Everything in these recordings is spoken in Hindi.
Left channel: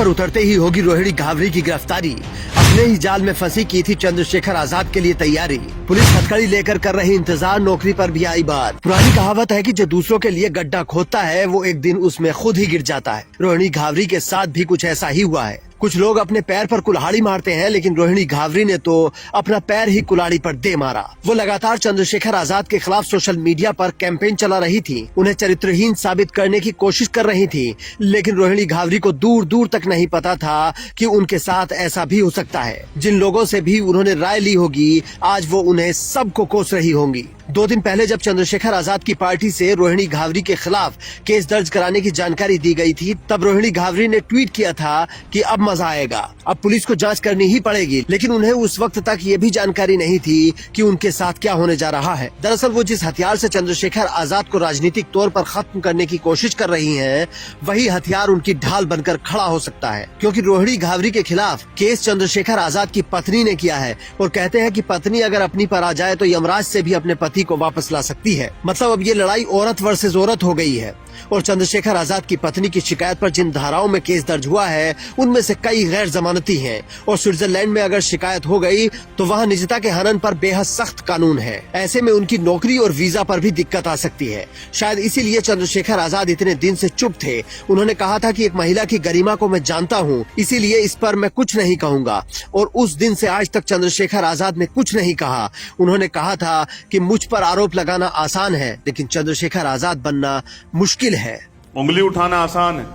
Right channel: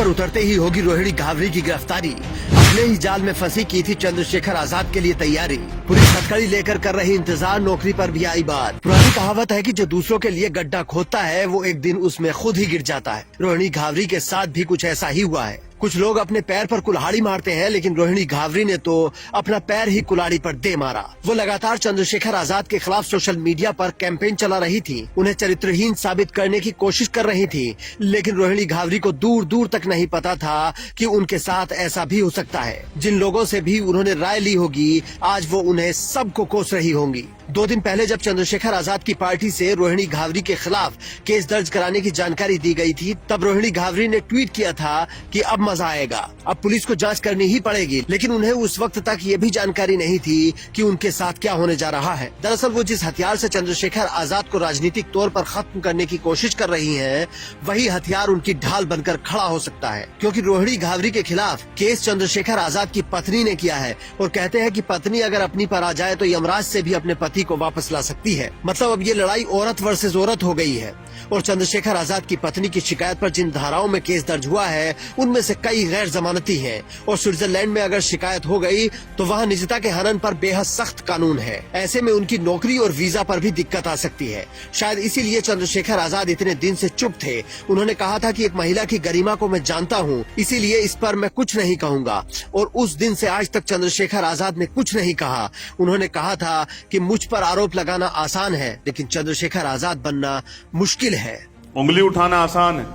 पर उतरते ही होगी रोहिणी घावरी की गिरफ्तारी। अपने ही जाल में फंसी की थी चंद्रशेखर आजाद के लिए तैयारी। पुलिस हथकड़ी लेकर कर रही इंतजार, नौकरी पर भी आई बात। पुरानी कहावत है कि जो दूसरों के लिए गड्ढा खोदता है वो एक दिन उसमें खुद ही गिर जाता है। रोहिणी घावरी के साथ भी कुछ ऐसा ही हुआ है। कुछ लोग अपने पैर पर कुल्हाड़ी मारते हैं, लेकिन रोहिणी घावरी ने तो अपना पैर ही कुल्हाड़ी पर दे मारा। वो लगातार चंद्रशेखर आजाद के खिलाफ सोशल मीडिया पर कैंपेन चला रही थी, उन्हें चरित्रहीन साबित करने की कोशिश कर रही थी। लेकिन रोहिणी घावरी को दूर दूर तक नहीं पता था कि उनके साथ ऐसा भी हो सकता है। जिन लोगों से भी उन्होंने राय ली होगी, आज वो उन्हें सबको कोस रही होंगी। 2 दिन पहले जब चंद्रशेखर आजाद की पार्टी से रोहिणी घावरी के खिलाफ केस दर्ज कराने की जानकारी दी गई थी, तब रोहिणी घावरी ने ट्वीट किया था कि अब मजा आएगा, अब पुलिस को जांच करनी ही पड़ेगी। लेकिन उन्हें उस वक्त तक ये भी जानकारी नहीं थी कि उनके साथ क्या होने जा रहा है। दरअसल वो जिस हथियार से चंद्रशेखर आजाद को राजनीतिक तौर पर खत्म करने की कोशिश कर रही हैं, वही हथियार उनकी ढाल बनकर खड़ा हो सकता है। क्योंकि रोहिणी घावरी के खिलाफ केस चंद्रशेखर आजाद की पत्नी ने किया है और कहते हैं कि पत्नी अगर अपनी पर आ जाए तो यमराज से भी अपने पति को वापस ला सकती है। मतलब अब ये लड़ाई औरत वर्सेस औरत हो गई है। और चंद्रशेखर आजाद की पत्नी की शिकायत पर जिन धाराओं में केस दर्ज हुआ है, उनमें से कई गैर जमानती हैं। और स्विट्जरलैंड में अगर शिकायत हो गई तो वहाँ निजता के हनन पर बेहद सख्त कानून है। ऐसे में उनकी नौकरी और वीजा पर भी दिक्कत आ सकती है। शायद इसीलिए चंद्रशेखर आजाद इतने दिन से चुप थे। उन्होंने कहा था कि एक महिला की गरिमा को मैं जानता हूँ, इसीलिए इस पर मैं कुछ नहीं कहूँगा। और उस दिन से आज तक चंद्रशेखर आजाद ने कुछ नहीं कहा। उन्होंने कहा था कि मुझ पर आरोप लगाना आसान है, लेकिन चंद्रशेखर आजाद बनना मुश्किल है। उंगली उठाना आसान है,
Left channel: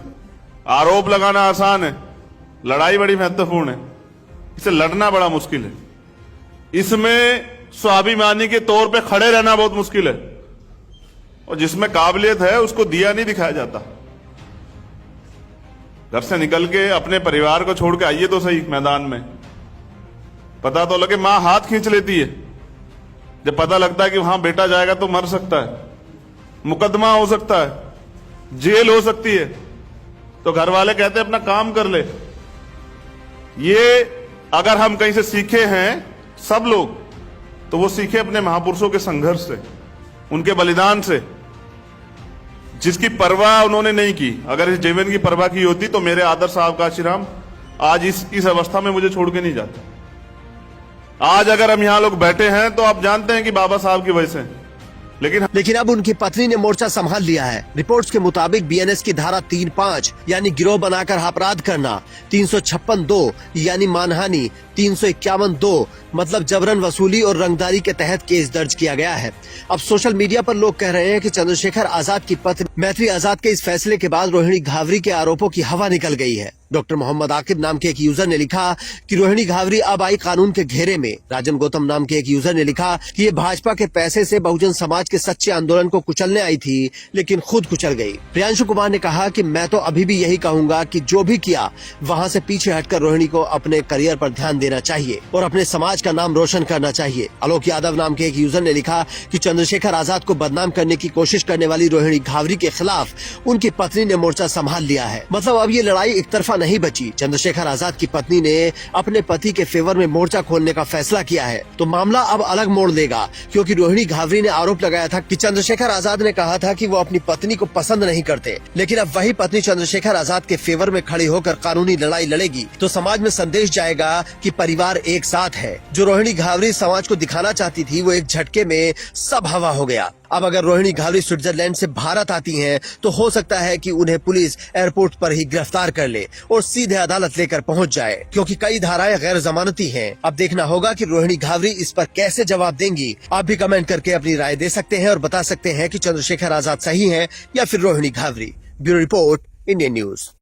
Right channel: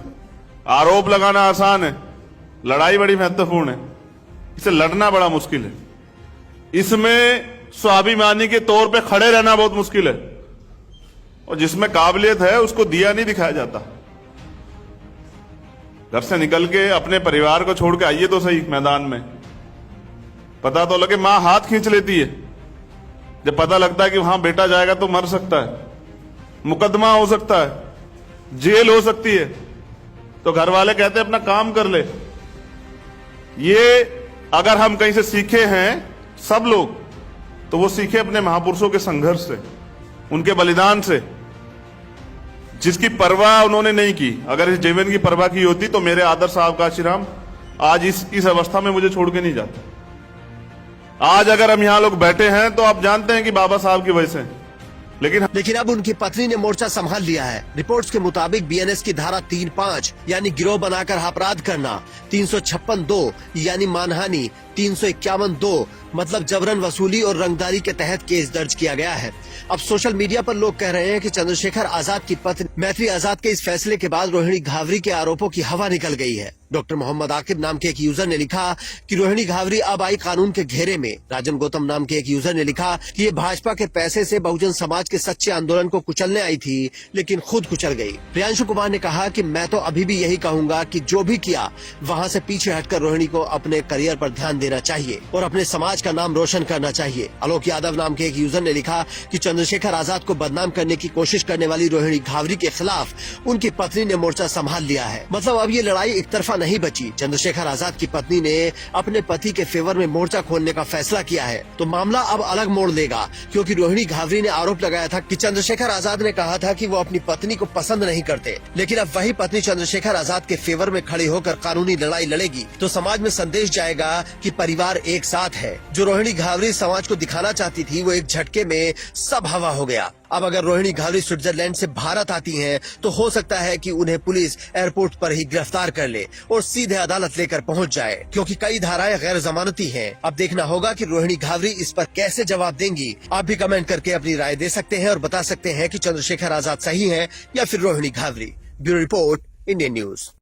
आरोप लगाना आसान है, लड़ाई बड़ी महत्वपूर्ण है। इसे लड़ना बड़ा मुश्किल है। इसमें स्वाभिमानी के तौर पे खड़े रहना बहुत मुश्किल है। और जिसमें काबिलियत है उसको दिया नहीं दिखाया जाता। घर से निकल के अपने परिवार को छोड़ के आइए तो सही मैदान में, पता तो लगे। मां हाथ खींच लेती है जब पता लगता है कि वहां बेटा जाएगा तो मर सकता है, मुकदमा हो सकता है, जेल हो सकती है, तो घर वाले कहते हैं अपना काम कर ले। ये अगर हम कहीं से सीखे हैं सब लोग, तो वो सीखे अपने महापुरुषों के संघर्ष से, उनके बलिदान से, जिसकी परवाह उन्होंने नहीं की। अगर इस जीवन की परवाह की होती तो मेरे आदर्श साहब काशीराम आज इस अवस्था में मुझे छोड़ के नहीं जाते। आज अगर हम यहां लोग बैठे हैं तो आप जानते हैं कि बाबा साहब की वजह से। लेकिन अब उनकी पत्नी ने मोर्चा संभाल लिया है। रिपोर्ट्स के मुताबिक बीएनएस की धारा 3(5) यानी गिरोह बनाकर अपराध करना, 356(2) यानी मानहानि, 351(2) मतलब जबरन वसूली और रंगदारी के तहत केस दर्ज किया गया है। अब सोशल मीडिया पर लोग कह रहे हैं कि चंद्रशेखर आजाद की पत्नी मैत्री आजाद के इस फैसले के बाद रोहिणी घावरी के आरोपों की हवा निकल गई है। डॉक्टर मोहम्मद आकिब नाम के एक यूजर ने लिखा कि रोहिणी घावरी अब आई कानून के घेरे में। राजन गौतम नाम के एक यूजर ने लिखा कि ये भाजपा के पैसे से बहुजन समाज के सच्चे आंदोलन को कुचलने आई थी, लेकिन खुद कुचल गई। प्रियांशु कुमार ने कहा कि मैं तो अभी भी यही कहूंगा कि जो भी किया वहां से पीछे हटकर रोहिणी को अपने करियर पर ध्यान देना चाहिए और अपने समाज का नाम रोशन करना चाहिए। आलोक यादव नाम के एक यूजर ने लिखा कि चंद्रशेखर आजाद को बदनाम करने की कोशिश करने वाली रोहिणी घावरी के खिलाफ उनकी पत्नी ने मोर्चा संभाल लिया है। मतलब अब ये लड़ाई एक तरफा नहीं बची। चंद्रशेखर आजाद की पत्नी ने अपने पति के फेवर में मोर्चा खोलने का फैसला किया है, तो मामला अब अलग मोड़ लेगा। क्योंकि रोहिणी घावरी ने आरोप लगाया था कि चंद्रशेखर आजाद ने कहा था कि वो अपनी पत्नी को पसंद नहीं करते, लेकिन अब वही पत्नी चंद्रशेखर आजाद के फेवर में खड़ी होकर कानूनी लड़ाई लड़ेगी, तो समाज में संदेश जाएगा कि परिवार एक साथ है। जो रोहिणी घावरी समाज को दिखाना चाहती थी, वो एक झटके में सब हवा हो गया। अब अगर रोहिणी घावरी स्विट्जरलैंड से भारत आती हैं, तो हो सकता है कि उन्हें पुलिस एयरपोर्ट पर ही गिरफ्तार कर ले और सीधे अदालत लेकर पहुंच जाए, क्योंकि कई धाराएं गैर जमानती हैं। अब देखना होगा कि रोहिणी घावरी इस पर कैसे जवाब देंगी। आप भी कमेंट करके अपनी राय दे सकते हैं और बता सकते हैं कि चंद्रशेखर आजाद सही है या फिर Rohini Ghavri. Bureau report, Indian news.